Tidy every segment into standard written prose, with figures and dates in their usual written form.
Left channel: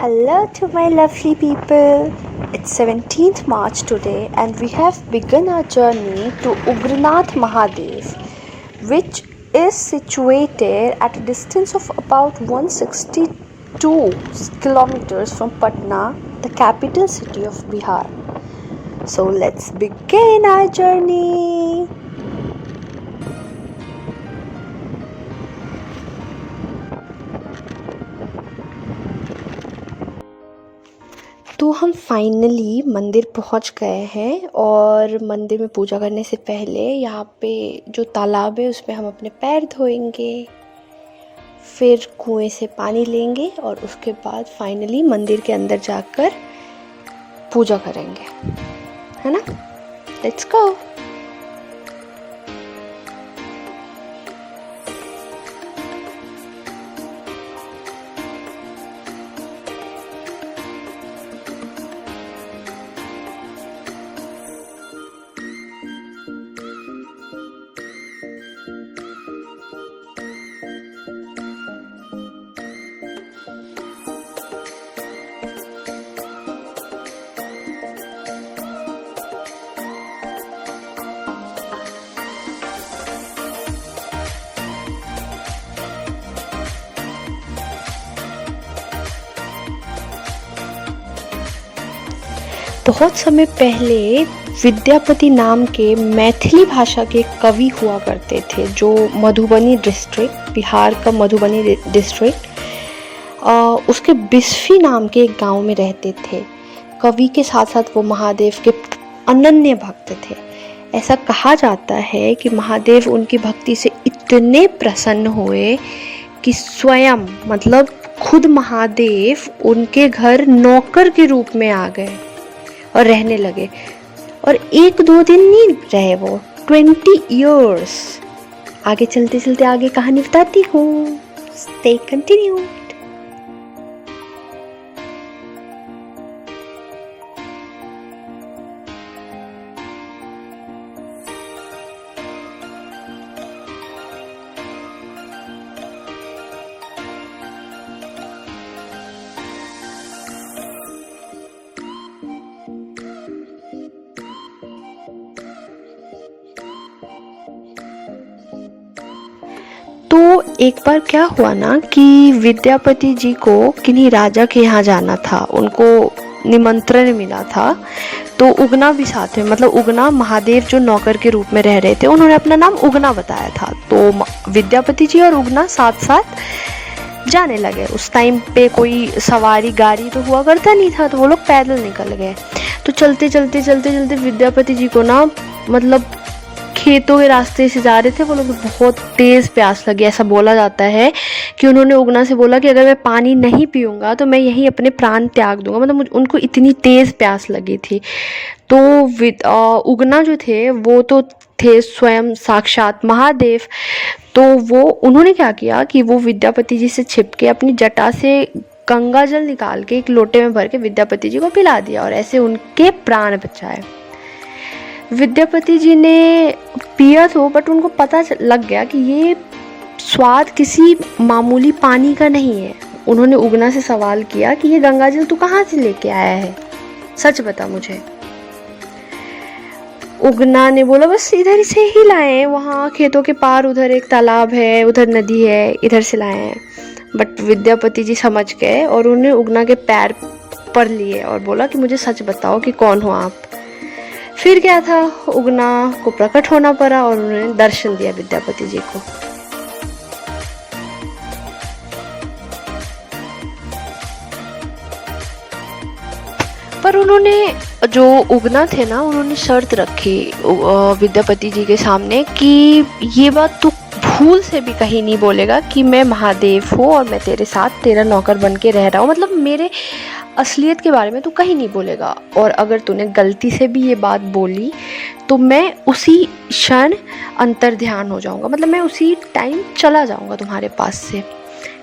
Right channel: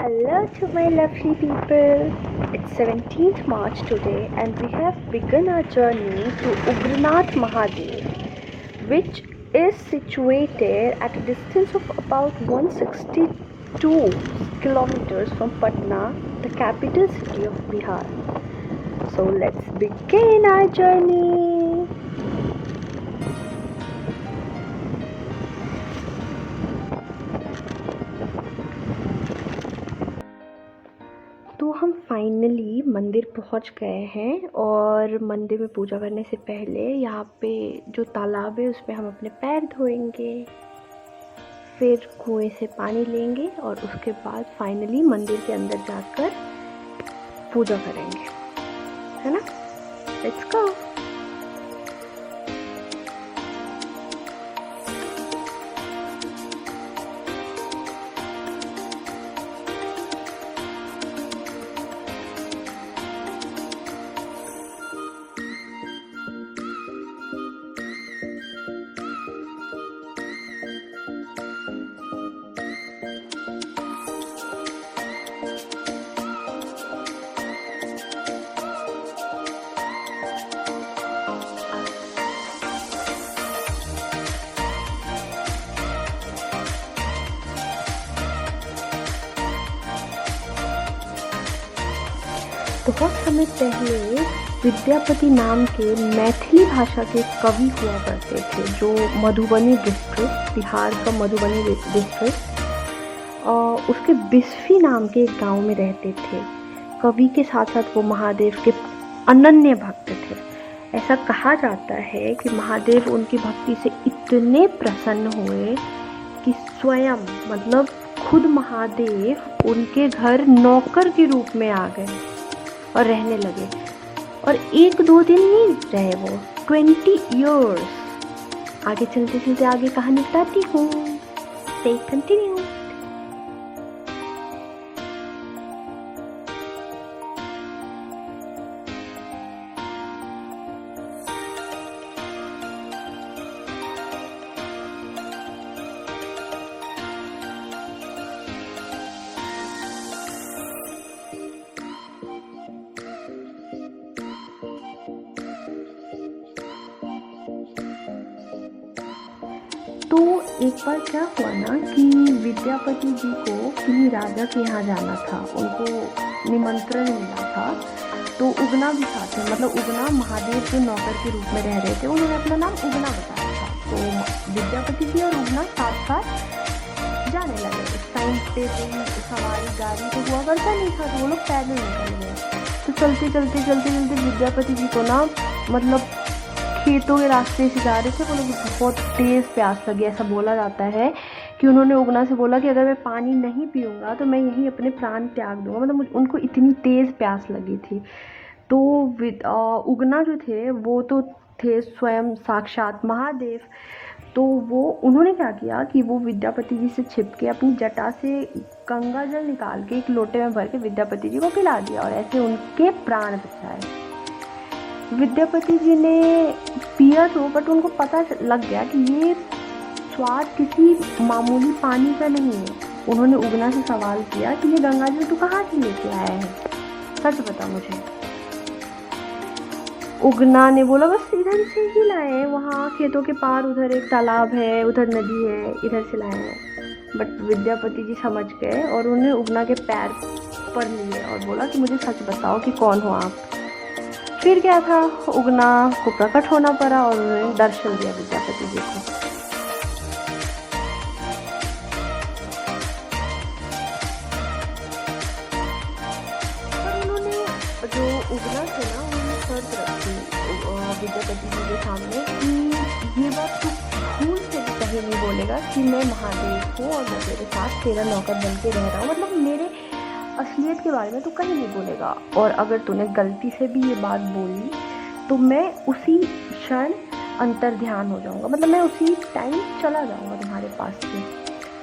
Hello to my lovely people. It's 17th March today and we have begun our journey to Ugranath Mahadev, which is situated at a distance of about 162 kilometers from Patna, the capital city of Bihar. So let's begin our journey. तो हम finally मंदिर पहुंच गए हैं और मंदिर में पूजा करने से पहले यहाँ पे जो तालाब है उसमें हम अपने पैर धोएंगे, फिर कुएं से पानी लेंगे और उसके बाद फाइनली मंदिर के अंदर जाकर पूजा करेंगे, है ना। Let's go. बहुत समय पहले विद्यापति नाम के मैथिली भाषा के कवि हुआ करते थे, जो मधुबनी डिस्ट्रिक्ट, बिहार का मधुबनी डिस्ट्रिक्ट, उसके बिस्फी नाम के एक गांव में रहते थे। कवि के साथ साथ वो महादेव के अनन्य भक्त थे। ऐसा कहा जाता है कि महादेव उनकी भक्ति से इतने प्रसन्न हुए कि स्वयं मतलब खुद महादेव उनके घर नौकर के रूप में आ गए और रहने लगे। और 1-2 दिन नहीं रहे वो, 20 years। आगे चलते चलते आगे कहानी बताती हूँ। Stay continue. तो एक बार क्या हुआ ना कि विद्यापति जी को किन्हीं राजा के यहाँ जाना था, उनको निमंत्रण मिला था। तो उगना भी साथ में, मतलब उगना महादेव जो नौकर के रूप में रह रहे थे, उन्होंने अपना नाम उगना बताया था। तो विद्यापति जी और उगना साथ साथ जाने लगे। उस टाइम पे कोई सवारी गाड़ी तो हुआ करता नहीं था, तो वो लोग पैदल निकल गए। तो चलते चलते चलते चलते विद्यापति जी को ना मतलब खेतों के रास्ते से जा रहे थे वो लोग, बहुत तेज़ प्यास लगी। ऐसा बोला जाता है कि उन्होंने उगना से बोला कि अगर मैं पानी नहीं पीऊँगा तो मैं यहीं अपने प्राण त्याग दूंगा, मतलब उनको इतनी तेज़ प्यास लगी थी। तो उगना जो थे वो तो थे स्वयं साक्षात महादेव। तो वो उन्होंने क्या किया कि वो विद्यापति जी से छिप के अपनी जटा से गंगा जल निकाल के एक लोटे में भर के विद्यापति जी को पिला दिया और ऐसे उनके प्राण बचाए। विद्यापति जी ने पिया तो, बट उनको पता लग गया कि ये स्वाद किसी मामूली पानी का नहीं है। उन्होंने उगना से सवाल किया कि ये गंगाजल तू कहाँ से लेके आया है, सच बता मुझे। उगना ने बोला बस इधर से ही लाए हैं, वहाँ खेतों के पार उधर एक तालाब है, उधर नदी है, इधर से लाए हैं। बट विद्यापति जी समझ गए और उन्हें उगना के पैर पड़ लिए और बोला कि मुझे सच बताओ कि कौन हो आप। फिर क्या था, उगना को प्रकट होना पड़ा और उन्होंने दर्शन दिया विद्यापति जी को। पर उन्होंने, जो उगना थे ना, उन्होंने शर्त रखी विद्यापति जी के सामने कि ये बात तू भूल से भी कहीं नहीं बोलेगा कि मैं महादेव हूँ और मैं तेरे साथ तेरा नौकर बन के रह रहा हूँ, मतलब मेरे असलियत के बारे में तू कहीं नहीं बोलेगा। और अगर तूने गलती से भी ये बात बोली तो मैं उसी क्षण अंतर ध्यान हो जाऊँगा, मतलब मैं उसी टाइम चला जाऊँगा तुम्हारे पास से।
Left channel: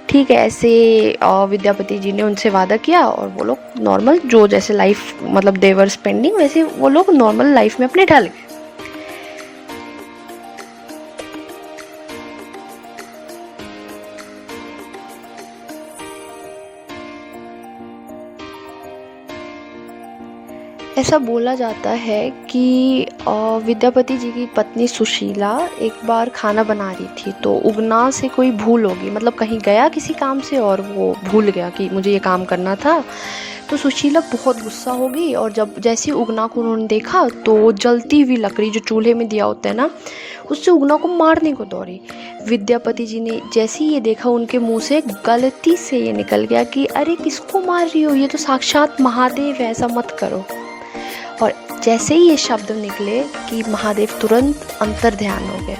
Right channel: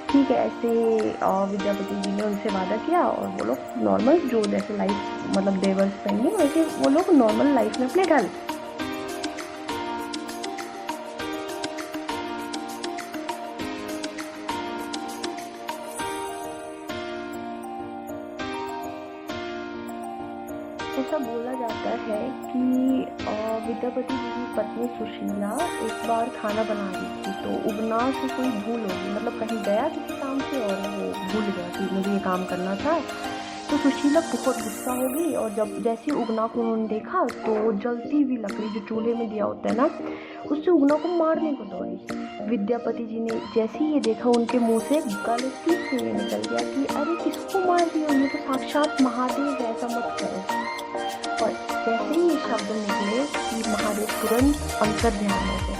ठीक है, ऐसे विद्यापति जी ने उनसे वादा किया और वो लोग नॉर्मल जो जैसे लाइफ मतलब देवर स्पेंडिंग, वैसे वो लोग नॉर्मल लाइफ में अपने ढल गए। ऐसा बोला जाता है कि विद्यापति जी की पत्नी सुशीला एक बार खाना बना रही थी, तो उगना से कोई भूल होगी, मतलब कहीं गया किसी काम से और वो भूल गया कि मुझे ये काम करना था। तो सुशीला बहुत गुस्सा हो गई और जब जैसे ही उगना को उन्होंने देखा तो जलती हुई लकड़ी जो चूल्हे में दिया होता है ना, उससे उगना को मारने को दौड़ी। विद्यापति जी ने जैसे ही ये देखा, उनके मुंह से गलती से ये निकल गया कि अरे किसको मार रही हो, ये तो साक्षात महादेव है, ऐसा मत करो। और जैसे ही ये शब्द निकले कि महादेव तुरंत अंतर ध्यान हो गए।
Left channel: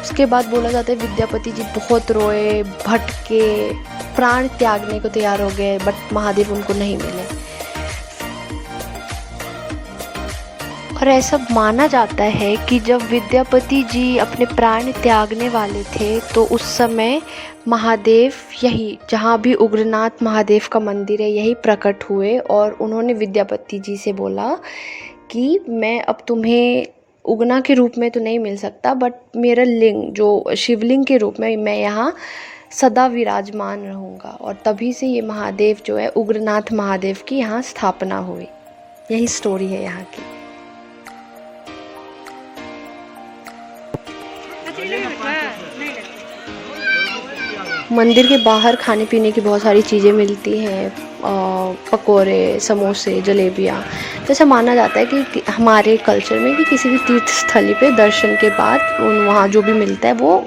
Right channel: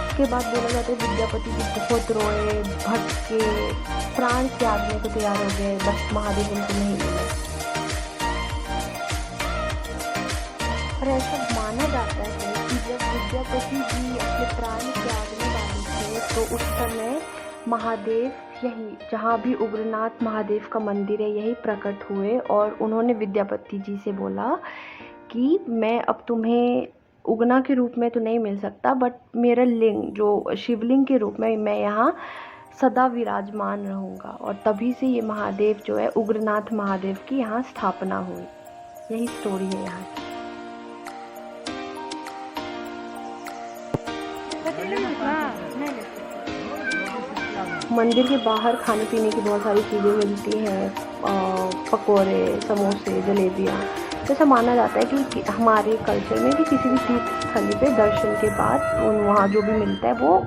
उसके बाद बोला जाता है विद्यापति जी बहुत रोए, भटके, प्राण त्यागने को तैयार हो गए, बट महादेव उनको नहीं मिले। और ऐसा माना जाता है कि जब विद्यापति जी अपने प्राण त्यागने वाले थे तो उस समय महादेव यही, जहाँ भी उग्रनाथ महादेव का मंदिर है, यही प्रकट हुए और उन्होंने विद्यापति जी से बोला कि मैं अब तुम्हें उगना के रूप में तो नहीं मिल सकता, बट मेरा लिंग जो शिवलिंग के रूप में मैं यहाँ सदा विराजमान रहूँगा। और तभी से ये महादेव जो है उग्रनाथ महादेव की यहाँ स्थापना हुई। यही स्टोरी है यहाँ की। मंदिर के बाहर खाने पीने की बहुत सारी चीज़ें मिलती हैं, पकोड़े, समोसे, जलेबियाँ। तो ऐसा माना जाता है कि हमारे कल्चर में कि किसी भी तीर्थ स्थली पे दर्शन के बाद वहाँ जो भी मिलता है वो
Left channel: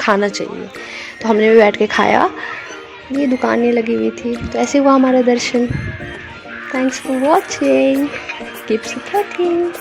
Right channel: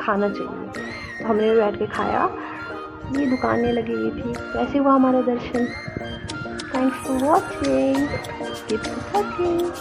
खाना चाहिए। तो हमने भी बैठ के खाया, ये दुकानें लगी हुई थी, तो ऐसे हुआ हमारा दर्शन। Thanks for watching, keep supporting.